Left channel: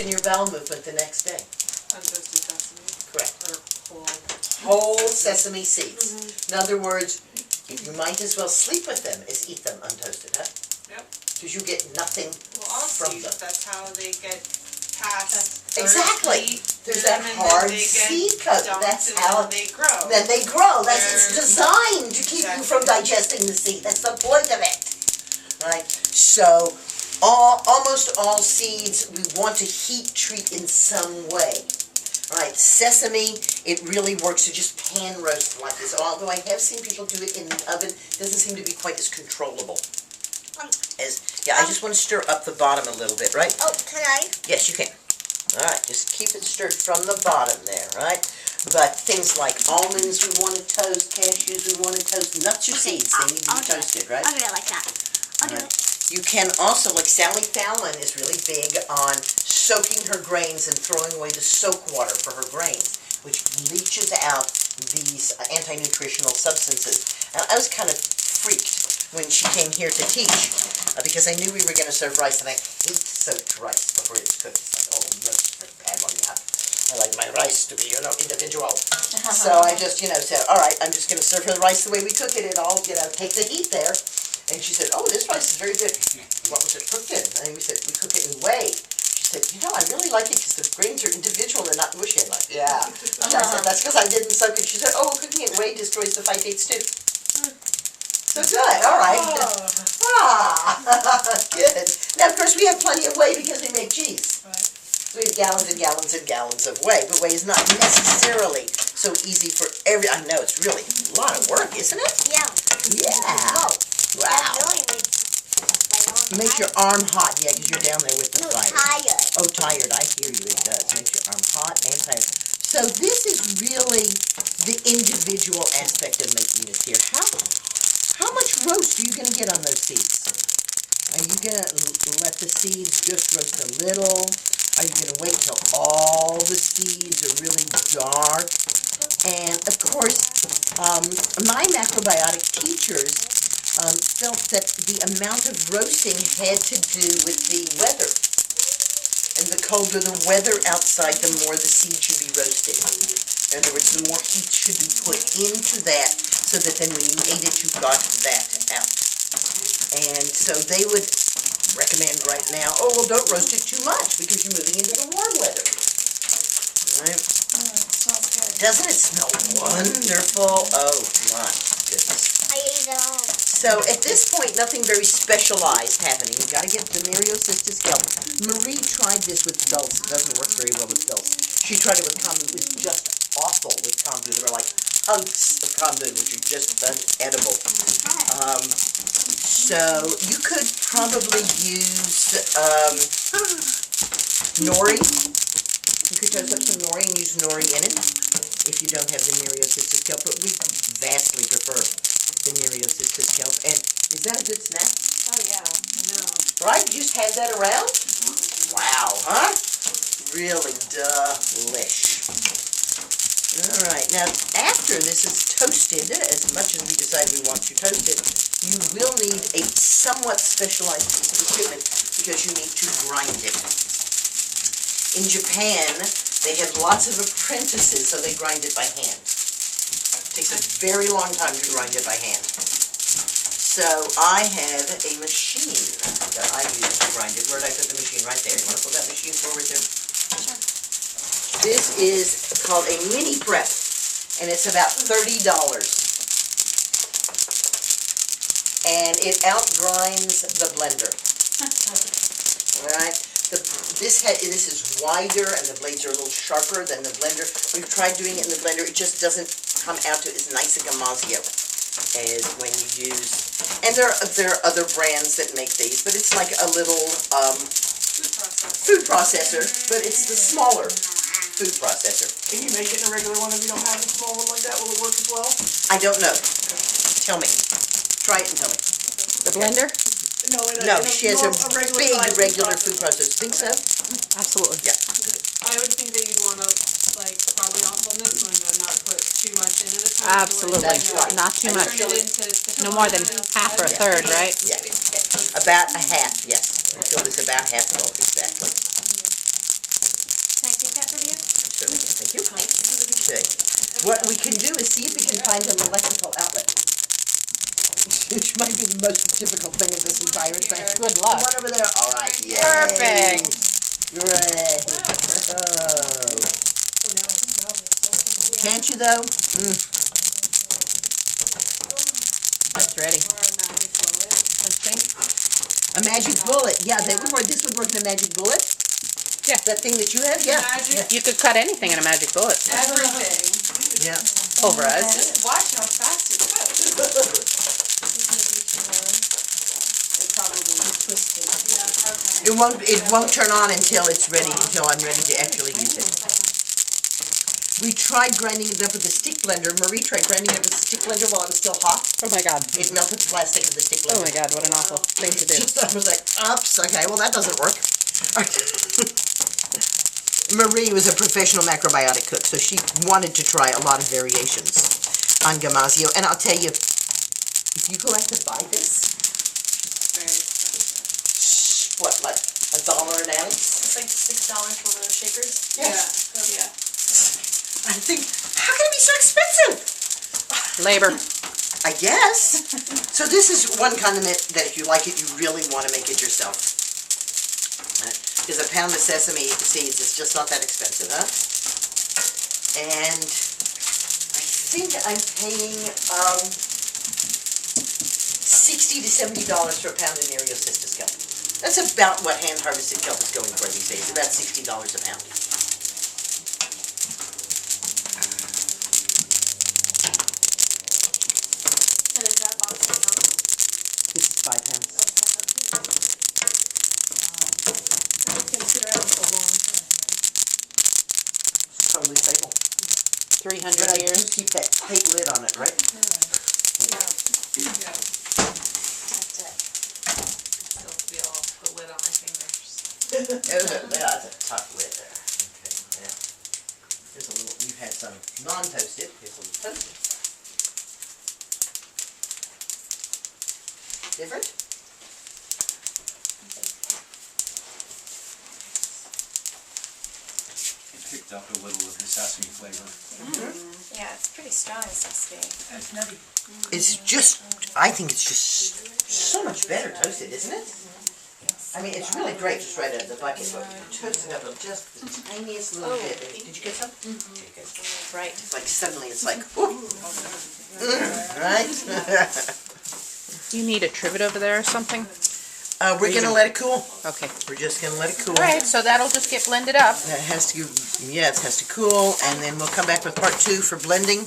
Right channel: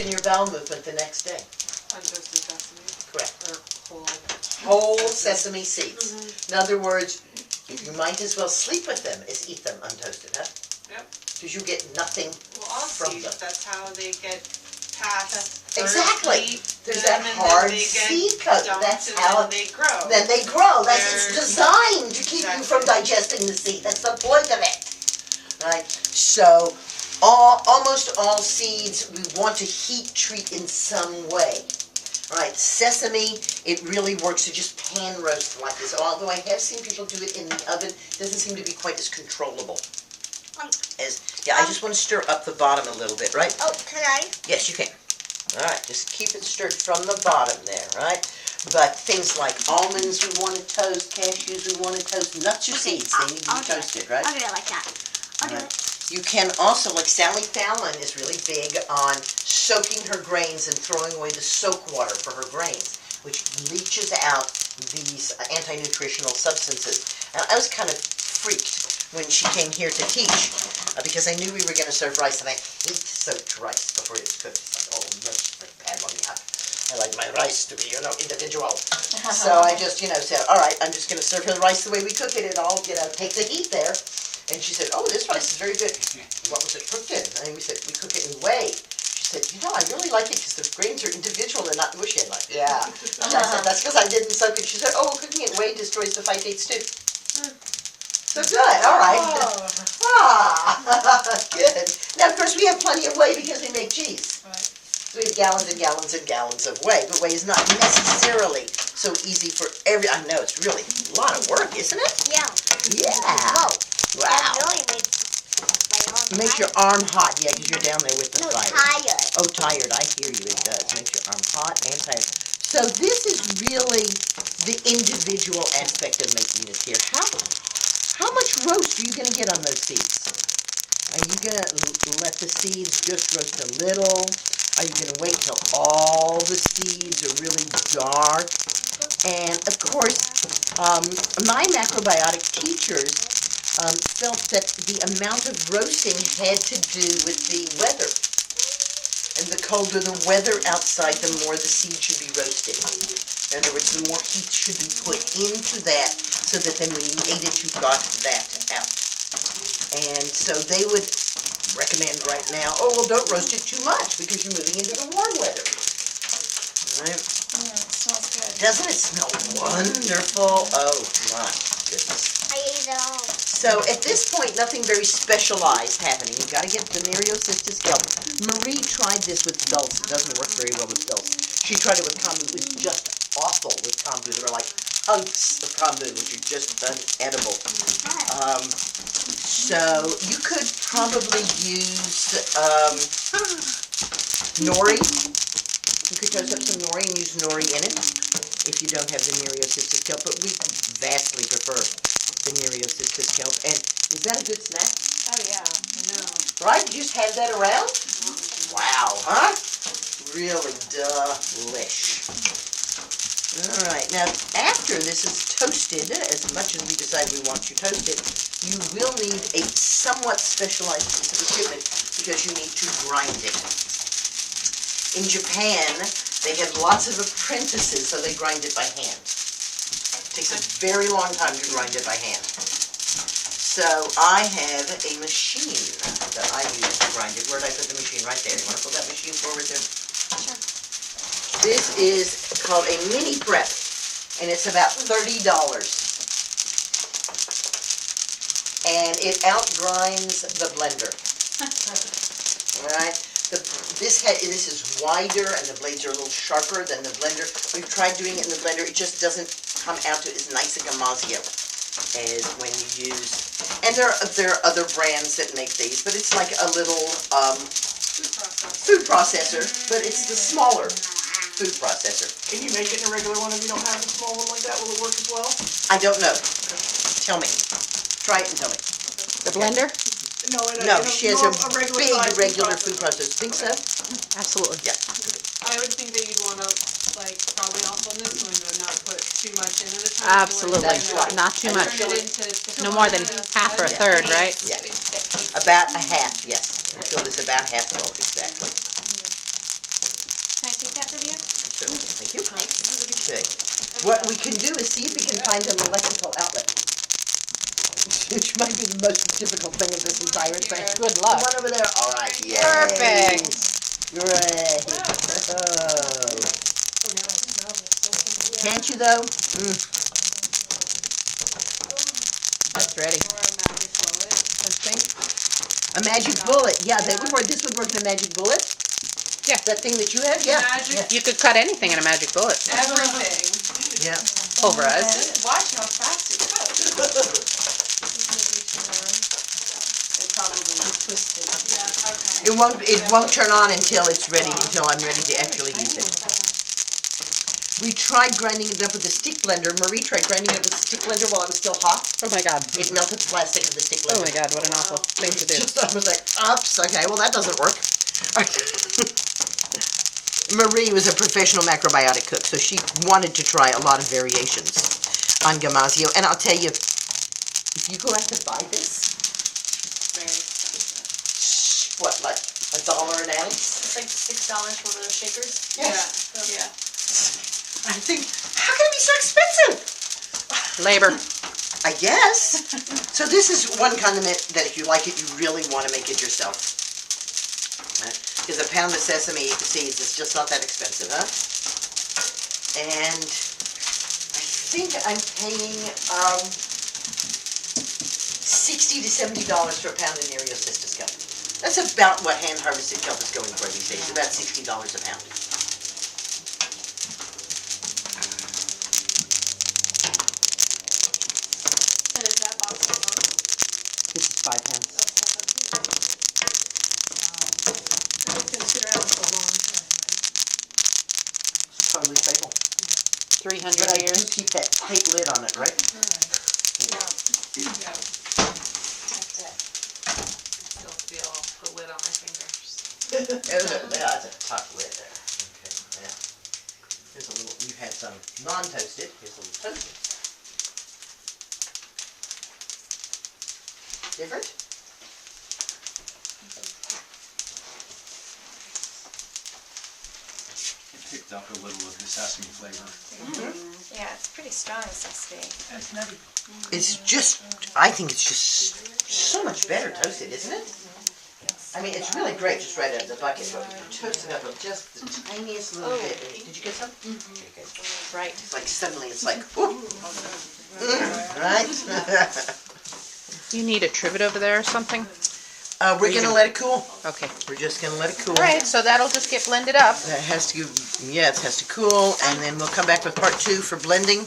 in your bowel movement the next day. Untoasted sesame. Correct. Or whole sesame seeds. Mm-hmm. In other words, you might as well sleep with them as eat them untoasted, huh? Yep. Because you get nothing from seeds, them. that's how they get past. Exactly. There's that hard seed coat. That's how they grow. Then they grow. It's designed to keep you from digesting the seed. That's the point of it. Right? So almost all seeds we want to heat treat in some way. Alright, sesame, it really works to just pan roast like this. Although I have seen people do it in the oven, it doesn't seem to be quite as controllable. I just want to stir up the bottom a little bit, right? Oh, can I? Yes, you can. Alright, just keep it stirred from the bottom there, right? But things like almonds we want to toast, cashews we want to toast, nuts or seeds, they need to be toasted, right? I'll do it like that. I'll do it. You can also, like Sally Fallon is really big on soaking her grains and throwing away the soak water for her grains, which leaches out these anti-nutritional substances. And I was kind of freaked when she came here to teach because I knew we were going to serve rice, and I hate soaked rice before it's cooked. It's like, oh, no, it's very bad one you have. I like my rice to be, individual. So I just, said, all right, I'm just going to serve her the rice the way we cook it. It'll, take the heat there. And she said, oh, this rice is very good. What was it cooked in? And we said, we cook it in whey. She said, I really like it because the grains are individual and not mushy. I'm like, yeah. And I said, that's because I didn't soak it. She said, oh, cooking it in whey destroys the phytates too. So good, all right. Good. Now, of course, we have plenty of whey because we make cheese. Right. So we have gallons and gallons and gallons of whey. But whey is not necessarily so easy for I know, it's really a lot of work, isn't it? Yeah. Yeah. Wow. That really makes my arm Makes your arm hot, yeah, because you're down there with the fire. tired. Oh, tired, I hear you, it does. Makes your arm hot and tired. So this is really the individual aspect of making this here. How much roast are you going to get on those seeds? Are you going to let the seeds just roast a little? Are you going to wait till all the seeds are really dark? And, of course, my macrobiotic teachers felt that the amount of roasting had to do with the weather. And the colder the weather outside, the more the seed should be roasted. In other words, the more heat should be put into that so that then when you ate it, you got that out. And so they would recommend right now, oh, well, don't roast it too much because you're moving into the warm weather. Right? Yeah, it smells good. Doesn't it smell wonderful? Oh, my goodness. I ate it all. So at this point, nothing very specialized happening. You've got to get Demeriocyst kelp. Marie tried this with dulse. It doesn't work very well with dulse. She tried it with kombu. It was just awful with kombu. There were like hunks of kombu, which are just unedible. So you could probably use nori. You could toast up some nori and use nori in it if you don't have Demeriocyst kelp, but we vastly prefer Demeriocyst kelp. And is that a good snack? Oh yeah, I know. Right? You just had that around? Wow, huh? Really delish. Alright, now after this is toasted, as much as we decide we want to toast it, you will need a somewhat specialized piece of equipment because you need to grind it. In Japan, they have lots of apprentices, so they grind it by hand. It takes a very long time to grind it by hand. So I have a machine that I use to grind it. Where did I put the machine? Right there. You want to put that machine forward there? Sure. This is called a mini prep, and it's about $30. And it outgrinds the blender. Alright? This is wider and the blades are a little sharper than the blender. We've tried doing it in the blender. It just doesn't come out to as nice a gamazio as when you use. And there are other brands that make these, but it's like a little food processor, but it's the smaller food processor. Can you make it in a regular one if you don't have a small one like that? Will it work as well? I don't know. Tell me. Try it and tell me. The blender? No, she has a big regular food processor. Think so? Absolutely. Yeah. I would think that you'd want to, probably also on this one, not put too much in at a time. Absolutely. That's right. Not too much. Turn it into No more than half or a third, right? Yeah. About a half, yes. Fill this about half full, exactly. Thank you. Okay. What we can do is see if we can find an electrical outlet. Which might be the most difficult thing in this entire thing. Good luck. One over there. All right. Yay. Perfect. Great. Oh. Can't you though? That's ready. Or a magic bullet. A magic bullet. Yeah, that would work. This would work in a magic bullet. Yeah. That thing that you have. Yeah. Magic. You could cut anything in a magic bullet. Everything. Yeah. Pulverize. Watch how fast it goes. It probably twisted. Yeah, okay. It won't turn on until it's ready. Until I'm ready to actually use it. We tried grinding it up with a stick blender. Marie tried grinding it up with a stick blender while it was still hot. Oh my god. It melted the plastic of the stick blender. Oh my god, what an awful thing to do. I was like, oops, okay, well that doesn't work. Marie was a professional macrobiotic cook, so she wanted to try a lot of variations on Gamasio. And I'll tell you, if you go out to buy this, Very expensive. what, like $1 an ounce? It's like $6 for one of those shakers. Yes. Yeah. I think, how can it be so expensive? Labor. I guess. So this is one condiment that if you like it, you really want to make it yourself. Because a pound of sesame seeds is just not that expensive, huh? And I think I'm paying $60 to $70 for a pound of Nereocystis kelp. That's about what hand-harvested kelp is going for these days, about $60 a pound. And is that box of milk? This is 5 pounds. It's totally stable. 300 But I do years. keep that tight lid on it, right? Yeah. That's it. Still feel the lid on my fingers. That's a tough lid there. Okay, yeah. Here's a little, we've had some non-toasted, here's a little toasted. Different? Picked up a little of the sesame flavor. Yeah, it's pretty strong sesame. It's nutty. It's just, I think it's just so much better toasted, isn't it? I mean, it's really great just right out of the bucket, but toasting up just the tiniest little bit. Did you get some? Okay, good. Right. It's like suddenly it's like, ooh. Right? Do you need a trivet over there or something? We're gonna let it cool. Okay. We're just gonna let it cool. Alright, so that'll just get blended up. That has to, yeah, it has to cool, and then we'll come back with part 2 for blending.